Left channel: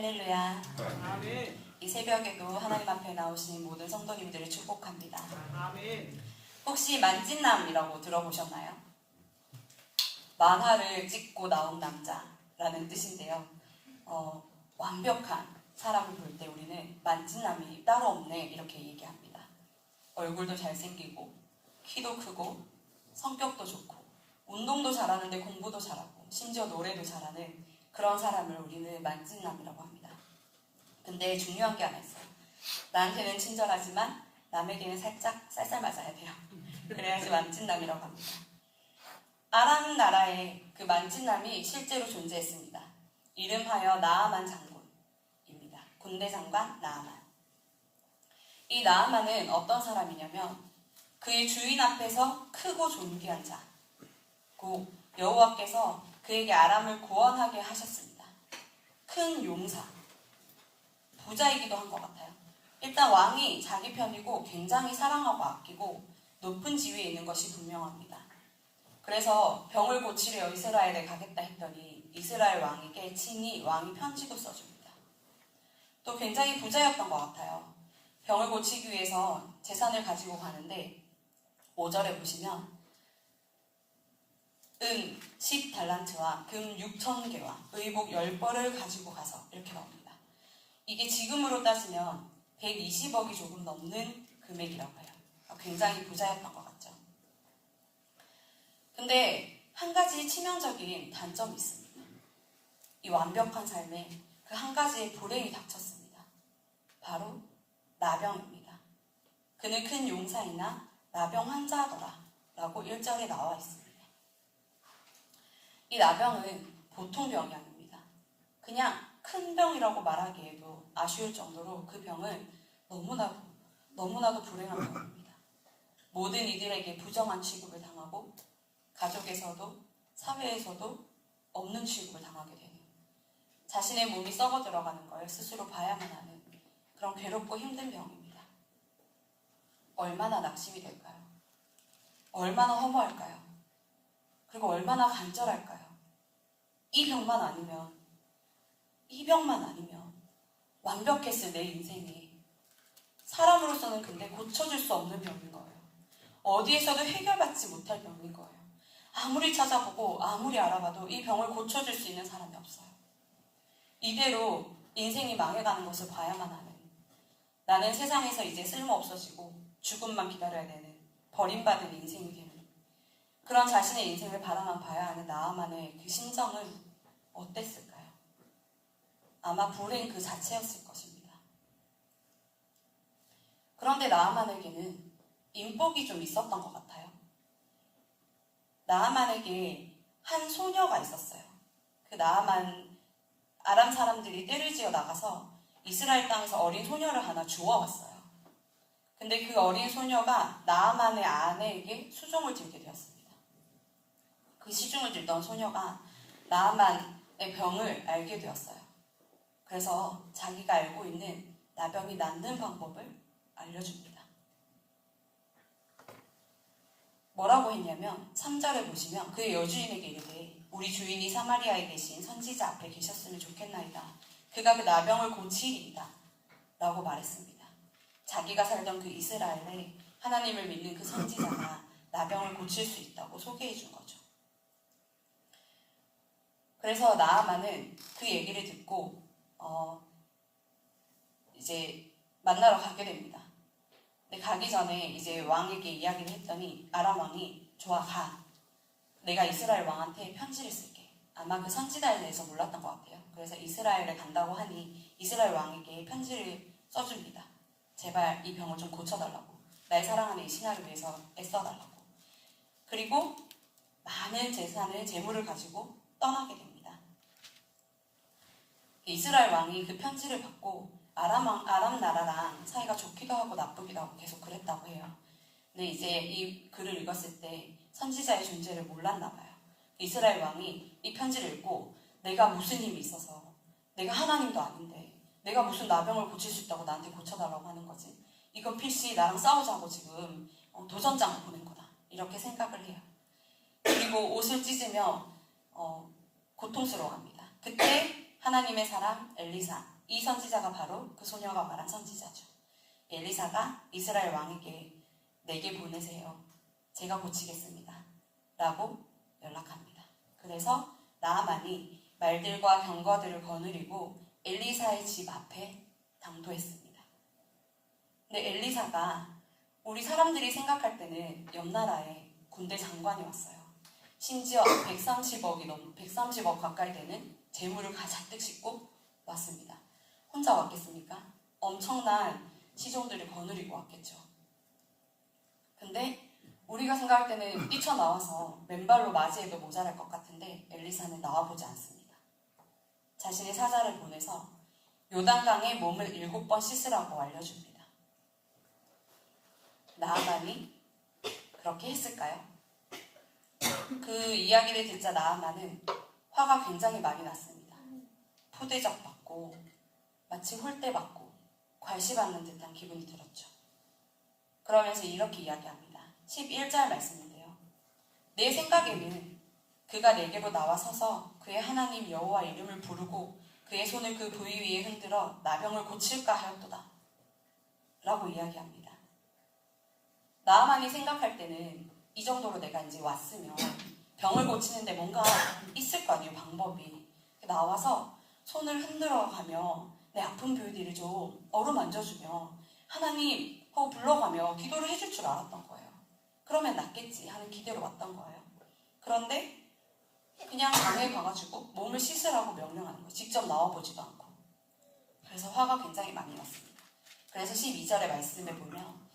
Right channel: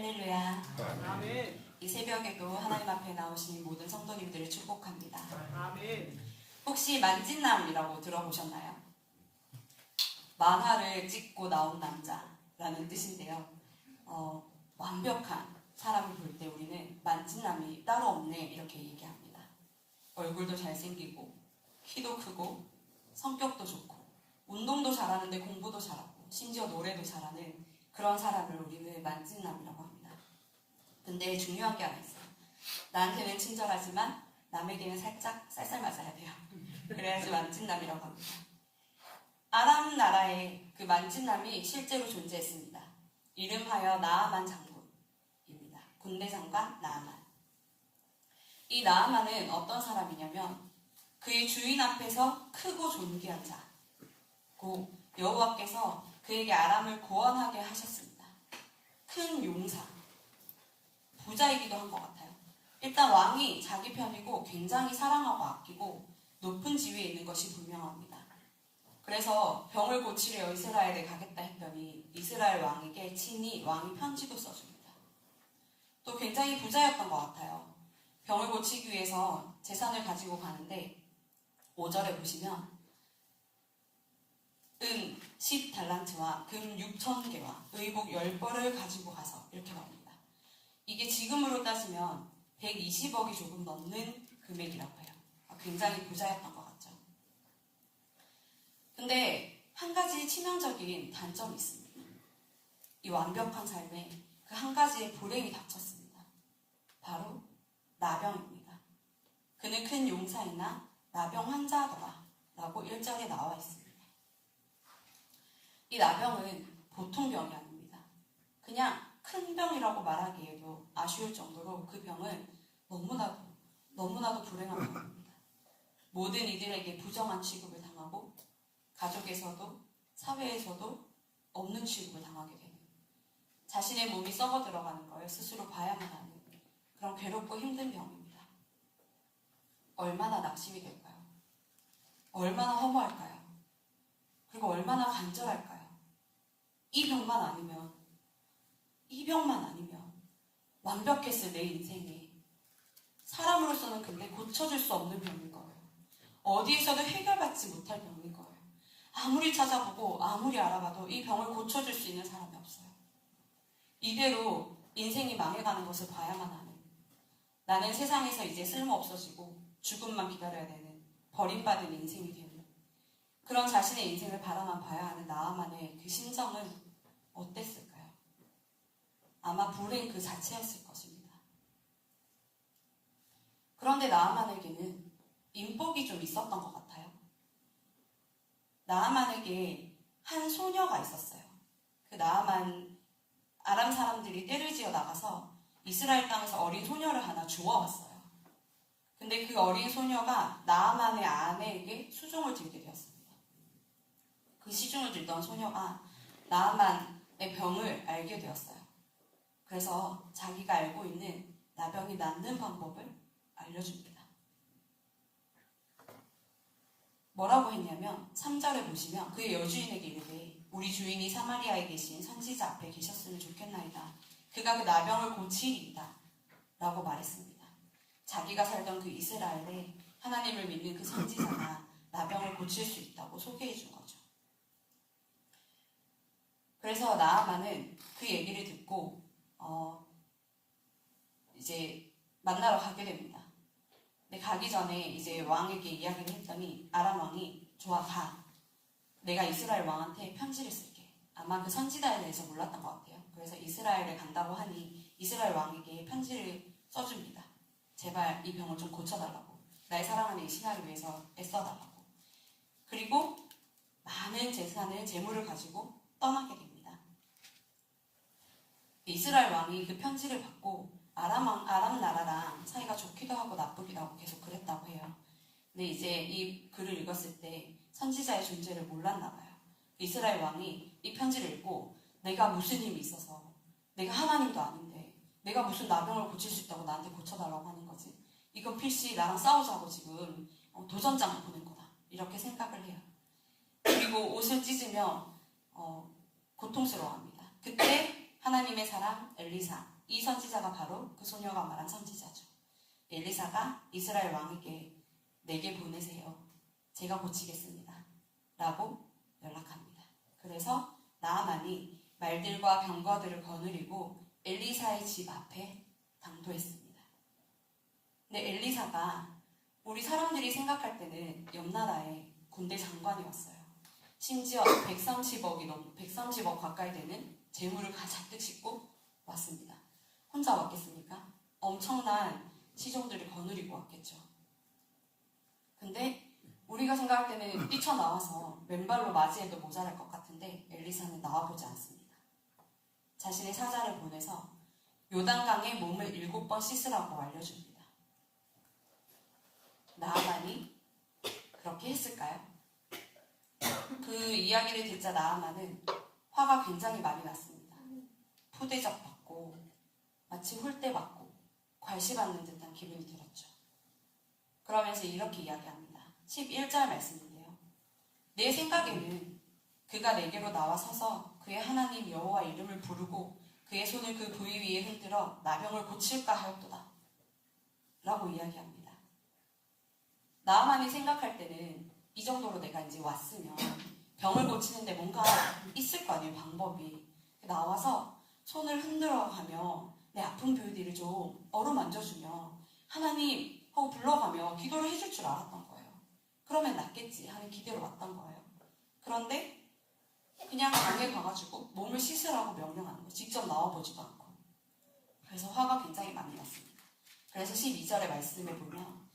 할렐루야. 아멘. 이 새벽에도 하나님 앞에 나오시는 모든 성도님들을 축복합니다. 아멘. 혹시 만찢남이라고 들어보셨나요? 만화를 찍고 나온 남자라는 뜻인데요. 완벽한 사람을 볼 때 우리는 만찢남이 따로 없네 이렇게 얘기합니다. 얼굴도 잘생기고 키도 크고 성격도 좋고 운동도 잘하는데 공부도 잘하고 심지어 노래도 잘하는 그런 사람을 우리는 만찢남이라고 합니다. 근데 중요한 게 하나 있어요. 나한테는 친절하지만 남에게는 살짝 쌀쌀 맞아야 돼요. 그래야지 만찢남이라고 합니다. 아람 나라에 그 만찢남이 실제로 존재했습니다. 이름하여 나아만 장군입니다. 군대 장관 나아만. 이 나아만은 어떤 사람이냐면 그의 주인 앞에서 크고 존귀한 자고 여호와께서 그에게 아람을 구원하게 하셨습니다. 큰 용사, 부자이기도 한 것 같아요. 일단 왕이 자기 편이고 굉장히 사랑하고 아끼고 높은 지위에 있는 것이 분명합니다. 그래서 병을 고치려 이스라엘에 가겠다 했더니 이스라엘 왕에게 친히 왕이 편지도 써줍니다. 또 굉장히 부자였던 것 같아요. 병을 고치기 위해서 재산을 가지고 가는데 5절에 보시면 은 10달란트와 금 6,000개와 의복 10벌을 가지고 가서 이렇게 나옵니다. 이게 지금으로 따지면 120억이 조금 넘는 금액이라고 해요. 굉장히 부자였던 것 같죠. 근데 한 가지 치명적인 단점이 있습니다. 이 완벽한 삶에 그 한 가지의 불행이 닥쳤습니다. 바로 나병입니다. 그는 큰 용사이나 나병 환자더라 라고 1절에 나와 있습니다. 이 나병은 보통 병이 아닙니다. 그냥 큰 병이라고 말하기에도 아쉬울 정도로 그 병은 너무나도 불행한 병입니다. 모든 이들에게 부정한 취급을 당하고 가족에서도 사회에서도 없는 취급을 당하게 되는 자신의 몸이 썩어 들어가는 걸 스스로 봐야만 하는 그런 괴롭고 힘든 병입니다. 얼마나 낙심이 될까요? 얼마나 허무할까요? 그리고 얼마나 간절할까요? 이 병만 아니면 완벽했을 내 인생에 사람으로서는 근데 고쳐질 수 없는 병인 거예요. 어디에서도 해결받지 못할 병인 거예요. 아무리 찾아보고 아무리 알아봐도 이 병을 고쳐줄 수 있는 사람이 없어요. 이대로 인생이 망해가는 것을 봐야만 하는, 나는 세상에서 이제 쓸모없어지고 죽음만 기다려야 되는 버림받은 인생이 되는 그런 자신의 인생을 바라만 봐야 하는 나아만의 그 심정은 어땠을까요? 아마 불행 그 자체였을 것입니다. 그런데 나아만에게는 인복이 좀 있었던 것 같아요. 나아만에게 한 소녀가 있었어요. 그 나아만 아람 사람들이 떼를 지어 나가서 이스라엘 땅에서 어린 소녀를 하나 주워왔어요. 근데 그 어린 소녀가 나아만의 아내에게 수종을 들게 되었습니다. 그 시중을 들던 소녀가 나아만의 병을 알게 되었어요. 그래서 자기가 알고 있는 나병이 낫는 방법을 알려줍니다. 뭐라고 했냐면 3절에 보시면 그의 여주인에게 이르되 우리 주인이 사마리아에 계신 선지자 앞에 계셨으면 좋겠나이다. 그가 그 나병을 고치리이다 라고 말했습니다. 자기가 살던 그 이스라엘에 하나님을 믿는 그 선지자가 나병을 고칠 수 있다고 소개해 준 거죠. 그래서 나아만은 그 얘기를 듣고 이제 만나러 가게 됩니다. 근데 가기 전에 이제 왕에게 이야기를 했더니 아람 왕이 좋아 가. 내가 이스라엘 왕한테 편지를 쓸게. 아마 그 선지자에 대해서 몰랐던 것 같아요. 그래서 이스라엘에 간다고 하니 이스라엘 왕에게 편지를 써줍니다. 제발 이 병을 좀 고쳐달라고. 날 사랑하는 이 신하를 위해서 애써달라고. 그리고 많은 재물을 가지고 떠나게 됩니다. 이스라엘 왕이 그 편지를 받고 아람 나라랑 사이가 좋기도 하고 나쁘기도 하고 계속 그랬다고 해요. 근데 이제 이 글을 읽었을 때 선지자의 존재를 몰랐나 봐요. 이스라엘 왕이 이 편지를 읽고 내가 무슨 힘이 있어서 내가 하나님도 아닌데 내가 무슨 나병을 고칠 수 있다고 나한테 고쳐달라고 하는 거지. 이건 필시 나랑 싸우자고 지금 도전장 보낸 거다. 이렇게 생각을 해요. 그리고 옷을 찢으며 고통스러워합니다. 그때 하나님의 사람 엘리사, 이 선지자가 바로 그 소녀가 말한 선지자죠. 엘리사가 이스라엘 왕에게 내게 보내세요. 제가 고치겠습니다. 라고 연락합니다. 그래서 나아만이 말들과 병거들을 거느리고 엘리사의 집 앞에 당도했습니다. 근데 엘리사가 우리 사람들이 생각할 때는 옆나라에 군대 장관이 왔어요. 심지어 130억 가까이 되는 재물을 가득 싣고 왔습니다. 혼자 왔겠습니까? 엄청난 시종들을 거느리고 왔겠죠. 근데 우리가 생각할 때는 뛰쳐나와서 맨발로 맞이해도 모자랄 것 같은데 엘리사는 나와보지 않습니다. 자신의 사자를 보내서 요단강에 몸을 7번 씻으라고 알려줍니다. 나아만이 그렇게 했을까요? 그 이야기를 듣자 나아만은 화가 굉장히 많이 났습니다. 푸대접 받고 마치 홀대받고 괄시받는 듯한 기분이 들었죠. 그러면서 이렇게 이야기합니다. 11절 말씀인데요. 내 생각에는 그가 내게로 나와서서 그의 하나님 여호와 이름을 부르고 그의 손을 그 부위 위에 흔들어 나병을 고칠까 하였도다. 라고 이야기합니다. 나아만이 생각할 때는 이 정도로 내가 이제 왔으면 병을 고치는데 뭔가 있을 거 아니에요, 방법이. 나와서 손을 흔들어 가며 내 아픈 부위들을 좀 어루만져주며 하나님 하고 불러가며 기도를 해줄 줄 알았던 거예요. 그러면 낫겠지 하는 기대로 왔던 거예요. 그런데 그냥 강에 가가지고 몸을 씻으라고 명령하는 거예요. 직접 나와보지도 않고. 그래서 화가 굉장히 많이 났습니다. 그래서 12절의 말씀에 보면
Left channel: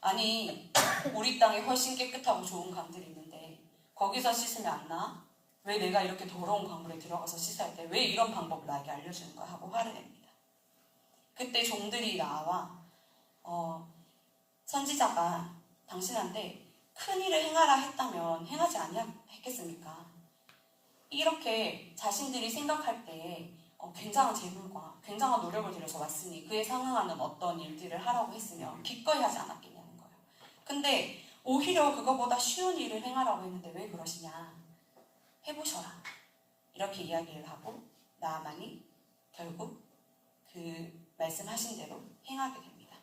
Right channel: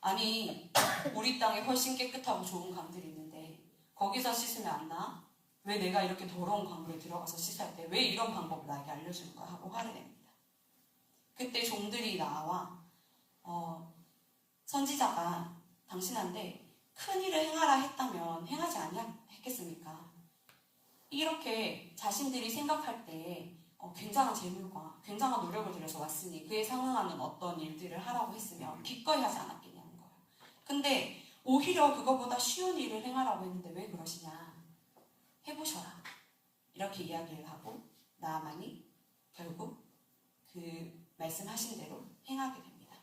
아니 우리 땅에 훨씬 깨끗하고 좋은 강들이 있는데 거기서 씻으면 안 나? 왜 내가 이렇게 더러운 강물에 들어가서 씻어야 돼? 왜 이런 방법을 나에게 알려주는 거야? 하고 화를 냅니다. 그때 종들이 나와 선지자가 당신한테 큰 일을 행하라 했다면 행하지 아니했겠습니까? 이렇게 자신들이 생각할 때 굉장한 재물과 굉장한 노력을 들여서 왔으니 그에 상응하는 어떤 일들을 하라고 했으면 기꺼이 하지 않았겠냐는 거예요. 근데 오히려 그거보다 쉬운 일을 행하라고 했는데 왜 그러시냐? 해보셔라. 이렇게 이야기를 하고 나아만이 결국 그 말씀하신 대로 행하게 됩니다.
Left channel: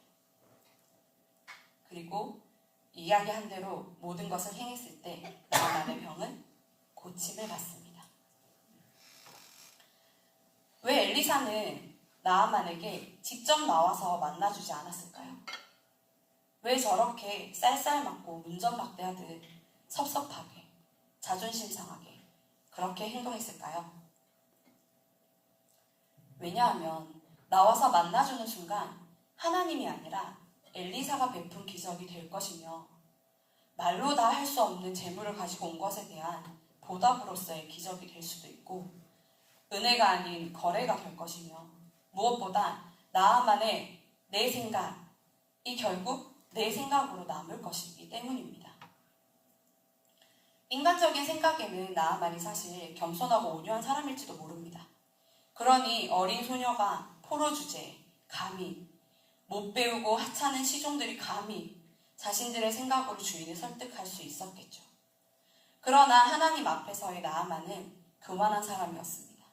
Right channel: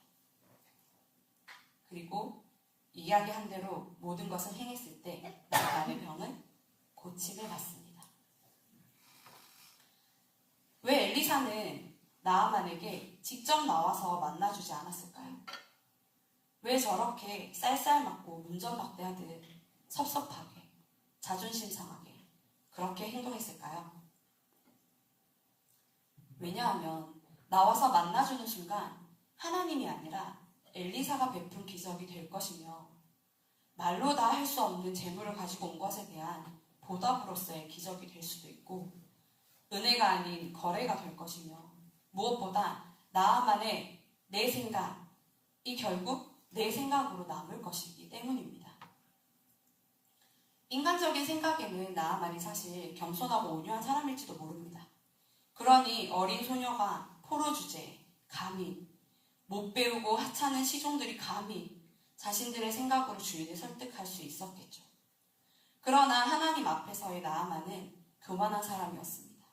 그리고 이야기한 대로 모든 것을 행했을 때 나아만의 병은 고침을 받습니다. 왜 엘리사는 나아만에게 직접 나와서 만나주지 않았을까요? 왜 저렇게 쌀쌀맞고 문전박대하듯 섭섭하게 자존심 상하게 그렇게 행동했을까요? 왜냐하면 나와서 만나주는 순간 하나님이 아니라 엘리사가 베푼 기적이 될 것이며 말로 다 할 수 없는 재물을 가지고 온 것에 대한 보답으로서의 기적이 될 수도 있고 은혜가 아닌 거래가 될 것이며 무엇보다 나아만의 내 생각이 결국 내 생각으로 남을 것이기 때문입니다. 인간적인 생각에는 나아만이 사실 겸손하고 온유한 사람일지도 모릅니다. 그러니 어린 소녀가 포로 주제에 감히 못 배우고 하찮은 시종들이 감히 자신들의 생각으로 주인을 설득할 수 있었겠죠. 그러나 하나님 앞에서의 나아만은 교만한 사람이었습니다.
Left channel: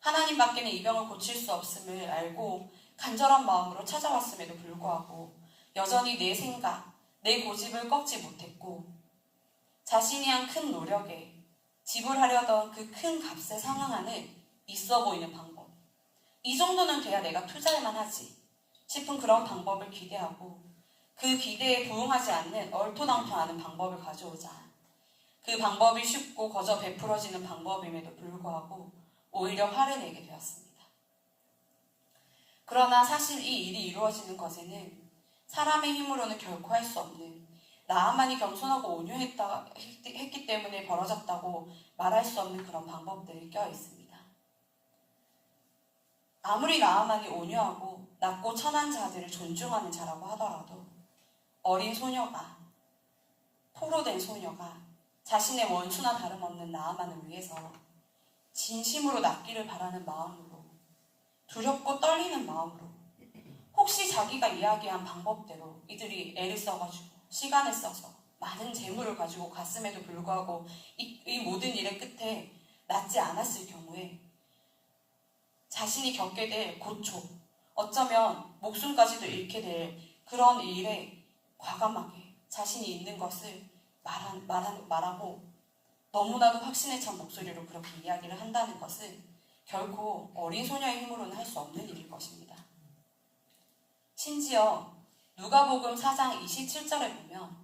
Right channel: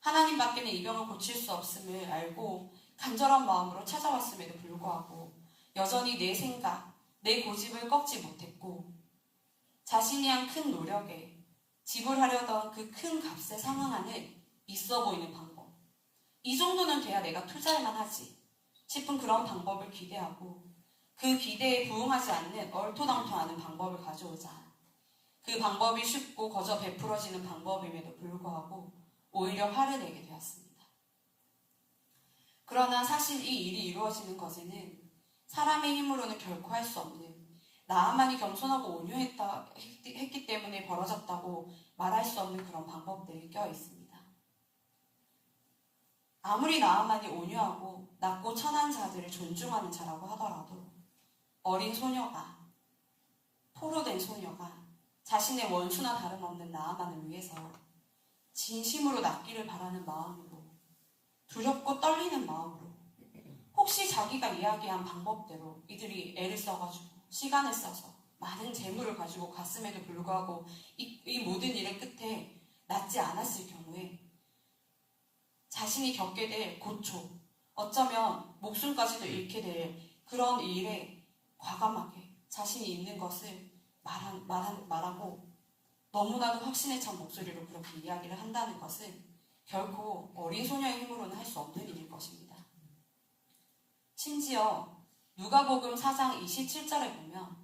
하나님 밖에는 이 병을 고칠 수 없음을 알고 간절한 마음으로 찾아왔음에도 불구하고 여전히 내 생각, 내 고집을 꺾지 못했고 자신이 한 큰 노력에 지불하려던 그 큰 값에 상응하는 있어 보이는 방법. 이 정도는 돼야 내가 투자할만 하지 싶은 그런 방법을 기대하고 그 기대에 부응하지 않는 얼토당토하는 방법을 가져오자 그 방법이 쉽고 거저 베풀어지는 방법임에도 불구하고 오히려 화를 내게 되었습니다. 그러나 사실 이 일이 이루어지는 것에는 사람의 힘으로는 결코 할 수 없는 나아만이 겸손하고 온유했기 때문에 벌어졌다고 말할 수 없는 그런 방법들이 껴 있습니다. 아무리 나아만이 온유하고 낮고 천한 자들을 존중하는 자라고 하더라도 어린 소녀가 포로된 소녀가 자신의 원수나 다름없는 나아만을 위해서 진심으로 낫기를 바라는 마음으로 두렵고 떨리는 마음으로 혹시 자기가 이야기한 방법대로 이들이 애를 써가지고 시간을 써서 많은 재물을 가지고 갔음에도 불구하고 이 모든 일의 끝에 낫지 않았을 경우에 자신이 겪게 될 고초, 어쩌면 목숨까지도 잃게 될 그런 일에 과감하게 자신이 있는 것을 말하고 너무나도 확신에 찬 목소리로 그렇게 이야기를 한다는 것은 결코 어린 소녀의 힘으로는 할 수 없는 일일 것입니다. 심지어 누가복음 4장 27절에 보면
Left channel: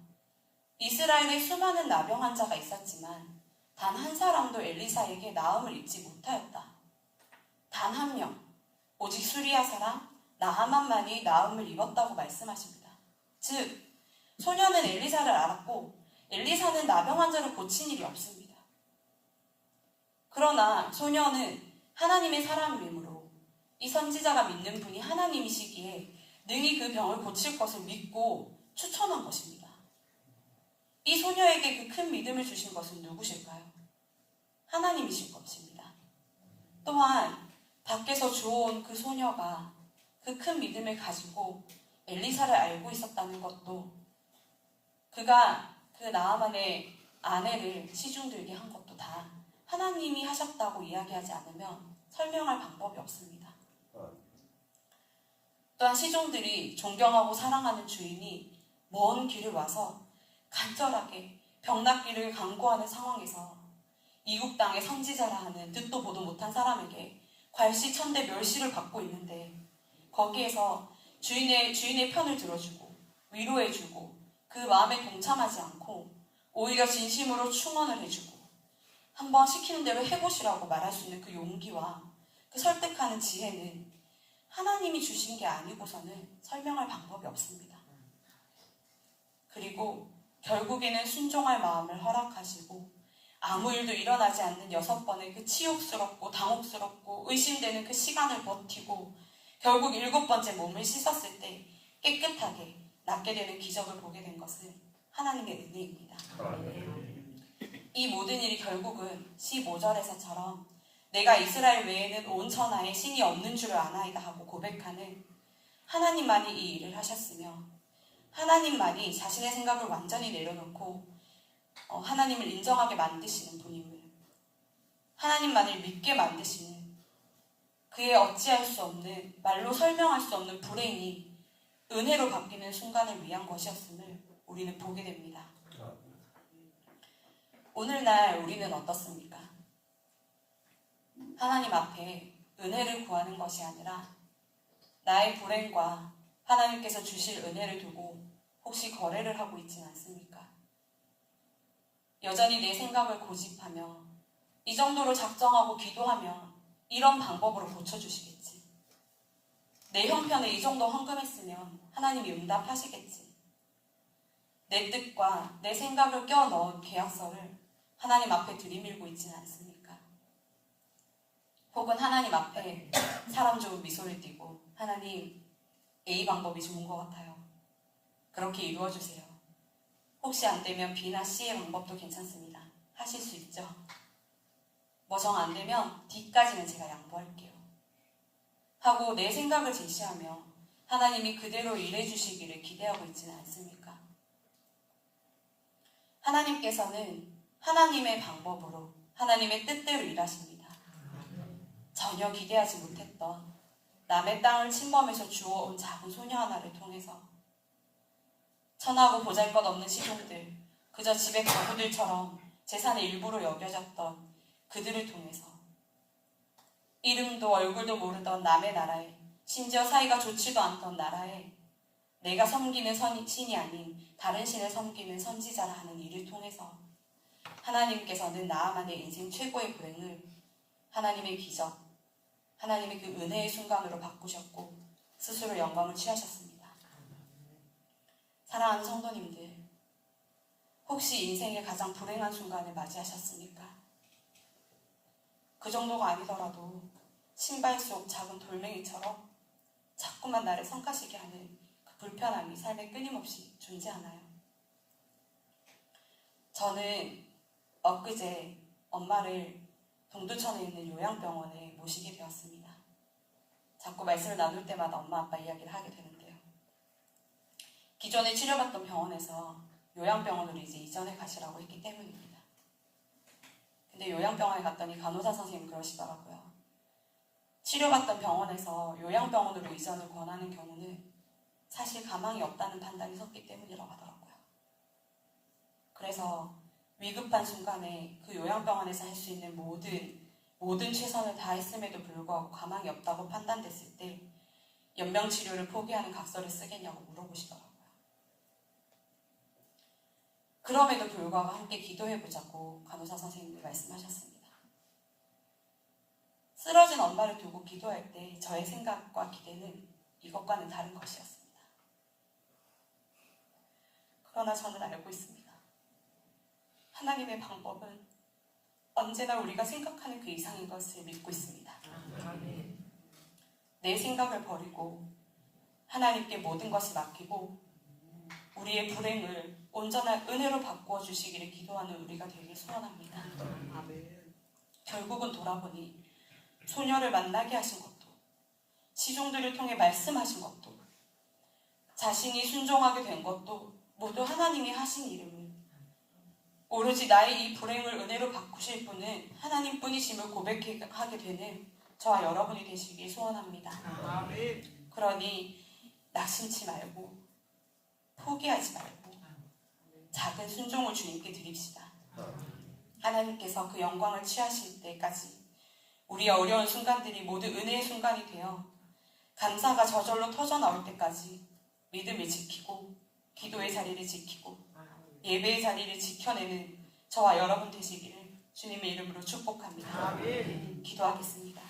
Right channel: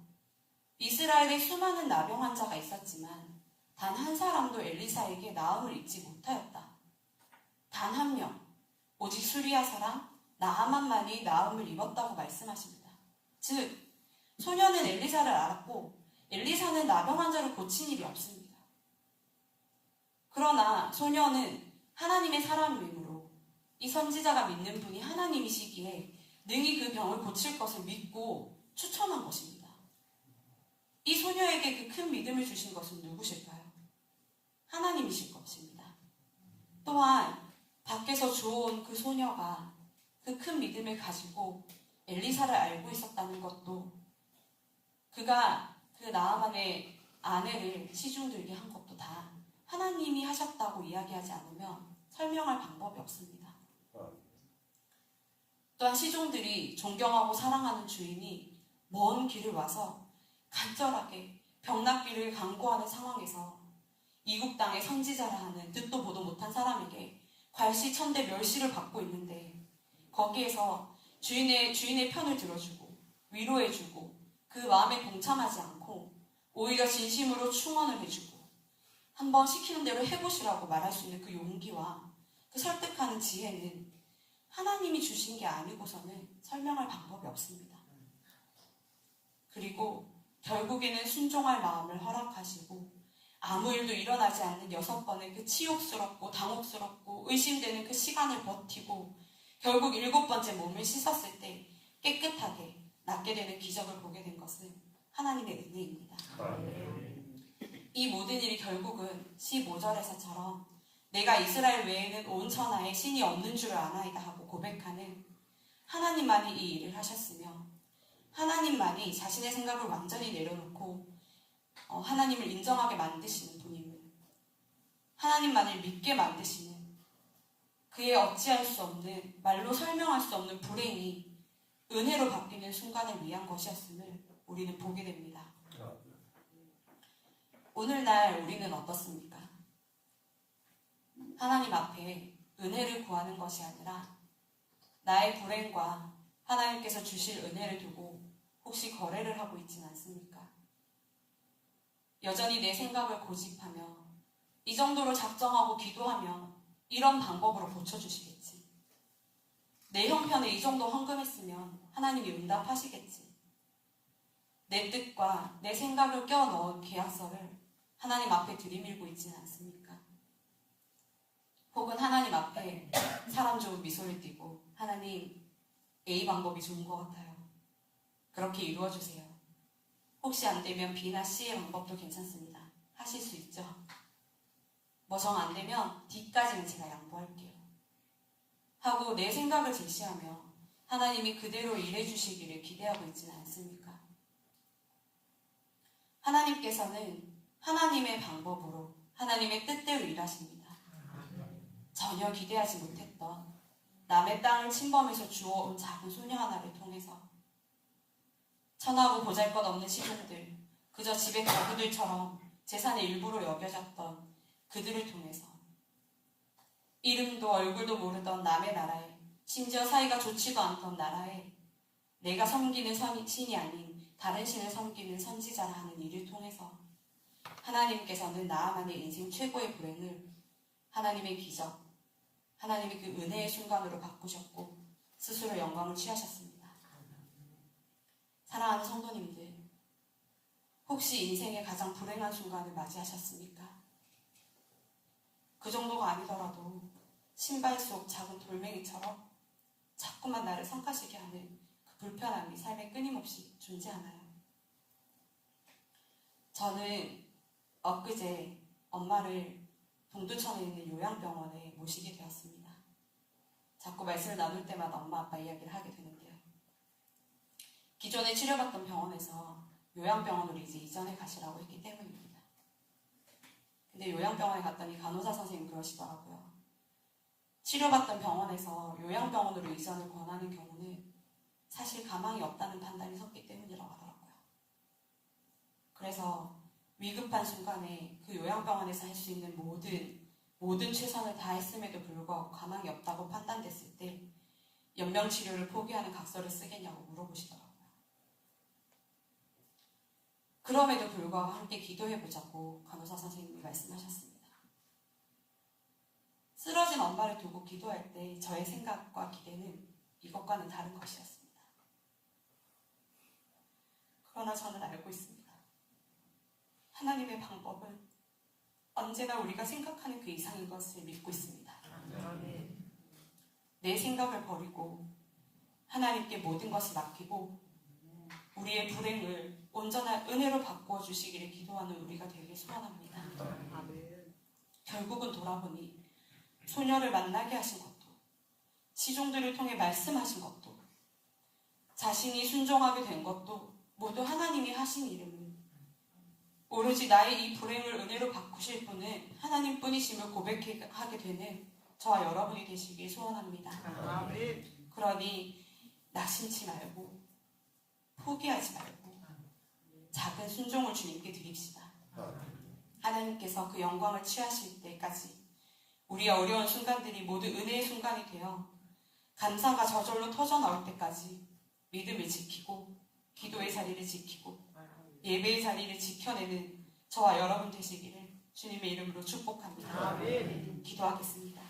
이스라엘에 수많은 나병 환자가 있었지만 단 한 사람도 엘리사에게 나음을 입지 못하였다. 단 한 명, 오직 수리아 사람 나하만만이 나음을 입었다고 말씀하십니다. 즉, 소녀는 엘리사를 알았고 엘리사는 나병 환자를 고친 일이 없습니다. 그러나 소녀는 하나님의 사람이므로 이 선지자가 믿는 분이 하나님이시기에 능히 그 병을 고칠 것을 믿고 추천한 것입니다. 이 소녀에게 그 큰 믿음을 주신 것은 누구실까요? 하나님이실 것입니다. 또한 밖에서 주워온 그 소녀가 그 큰 믿음을 가지고 엘리사를 알고 있었다는 것도 그가 그 나아만의 아내를 시중들게 한 것도 다 하나님이 하셨다고 이야기하지 않으면 설명할 방법이 없습니다. 또한 시종들이 존경하고 사랑하는 주인이 먼 길을 와서 간절하게 병낫기를 간구하는 상황에서 이국 땅의 선지자라 하는 듣도 보도 못한 사람에게 괄시천대 멸시를 받고 있는데 거기에서 주인의 편을 들어주고 위로해주고 그 마음에 동참하지 않고 오히려 진심으로 충원을 해주고 한번 시키는 대로 해보시라고 말할 수 있는 그 용기와 그 설득하는 지혜는 하나님이 주신 게 아니고서는 설명할 방법이 없습니다. 그리고 결국에는 순종할 마음을 허락하시고 아무 일도 일어나지 않는 6번의 그 치욕스럽고 당혹스럽고 의심되는 그 시간을 버티고 결국 7번째 몸을 씻었을 때 깨끗하게 낫게 되는 기적을 보게 된 것은 하나님의 은혜입니다. 이 모든 일이 결국은 15절에서처럼 내가 이스라엘 외에는 온 천하에 신이 없는 줄을 아나이다 하고 고백하는 하나님만이 이 일을 하셨으며 하나님만이 자신의 생각을 완전히 내려놓고 하나님을 인정하게 만드시는 분임을 하나님만을 믿게 만드시는 그의 어찌할 수 없는 말로 설명할 수 없는 불행이 은혜로 바뀌는 순간을 위한 것이었음을 우리는 보게 됩니다. 오늘날 우리는 어떻습니까? 하나님 앞에 은혜를 구하는 것이 아니라 나의 불행과 하나님께서 주실 은혜를 두고 혹시 거래를 하고 있지는 않습니까? 여전히 내 생각을 고집하며 이 정도로 작정하고 기도하면 이런 방법으로 고쳐주시겠지. 내 형편에 이 정도 헌금했으면 하나님이 응답하시겠지. 내 뜻과 내 생각을 껴넣은 계약서를 하나님 앞에 들이밀고 있지는 않습니까? 혹은 하나님 앞에 사람 좋은 미소를 띠고 하나님 A 방법이 좋은 것 같아요. 그렇게 이루어주세요. 혹시 안 되면 B나 C의 방법도 괜찮습니다. 하실 수 있죠? 뭐 정 안 되면 D까지는 제가 양보할게요. 하고 내 생각을 제시하며 하나님이 그대로 일해주시기를 기대하고 있지는 않습니까? 하나님께서는 하나님의 방법으로 하나님의 뜻대로 일하십니다. 전혀 기대하지 못했던 남의 땅을 침범해서 주워온 작은 소녀 하나를 통해서 천하고 보잘것없는 시종들, 그저 집의 가구들처럼 재산의 일부로 여겨졌던 그들을 통해서 이름도 얼굴도 모르던 남의 나라에 심지어 사이가 좋지도 않던 나라에 내가 섬기는 신이 아닌 다른 신을 섬기는 선지자라 하는 일을 통해서 하나님께서는 나아만의 인생 최고의 불행을 하나님의 기적, 하나님의 그 은혜의 순간으로 바꾸셨고 스스로 영광을 취하셨습니다. 사랑하는 성도님들, 혹시 인생의 가장 불행한 순간을 맞이하셨습니까? 그 정도가 아니더라도 신발 속 작은 돌멩이처럼 자꾸만 나를 성가시게 하는 그 불편함이 삶에 끊임없이 존재하나요? 저는 엊그제 엄마를 동두천에 있는 요양병원에 모시게 되었습니다. 자꾸 말씀을 나눌 때마다 엄마 아빠 이야기를 하게 되는데요. 기존에 치료받던 병원에서 요양병원으로 이제 이전해 가시라고 했기 때문입니다. 근데 요양병원에 갔더니 간호사 선생님 그러시더라고요. 치료받던 병원에서 요양병원으로 이전을 권하는 경우는 사실 가망이 없다는 판단이 섰기 때문이라고 하더라고요. 그래서 위급한 순간에 그 요양병원에서 할 수 있는 모든 최선을 다했음에도 불구하고 가망이 없다고 판단됐을 때 연명치료를 포기하는 각서를 쓰겠냐고 물어보시더라고요. 그럼에도 불구하고 함께 기도해보자고 간호사 선생님이 말씀하셨습니다. 쓰러진 엄마를 두고 기도할 때 저의 생각과 기대는 이것과는 다른 것이었습니다. 그러나 저는 알고 있습니다. 하나님의 방법은 언제나 우리가 생각하는 그 이상인 것을 믿고 있습니다. 내 생각을 버리고 하나님께 모든 것을 맡기고 우리의 불행을 온전한 은혜로 바꾸어 주시기를 기도하는 우리가 되길 소원합니다. 결국은 돌아보니 소녀를 만나게 하신 것도 시종들을 통해 말씀하신 것도 자신이 순종하게 된 것도 모두 하나님이 하신 일임을 오로지 나의 이 불행을 은혜로 바꾸실 분은 하나님뿐이심을 고백하게 되는 저와 여러분이 되시길 소원합니다. 그러니 낙심치 말고 포기하지 말고 작은 순종을 주님께 드립시다. 하나님께서 그 영광을 취하실 때까지 우리의 어려운 순간들이 모두 은혜의 순간이 되어 감사가 저절로 터져나올 때까지 믿음을 지키고 기도의 자리를 지키고 예배의 자리를 지켜내는 저와 여러분 되시기를 주님의 이름으로 축복합니다. 기도하겠습니다.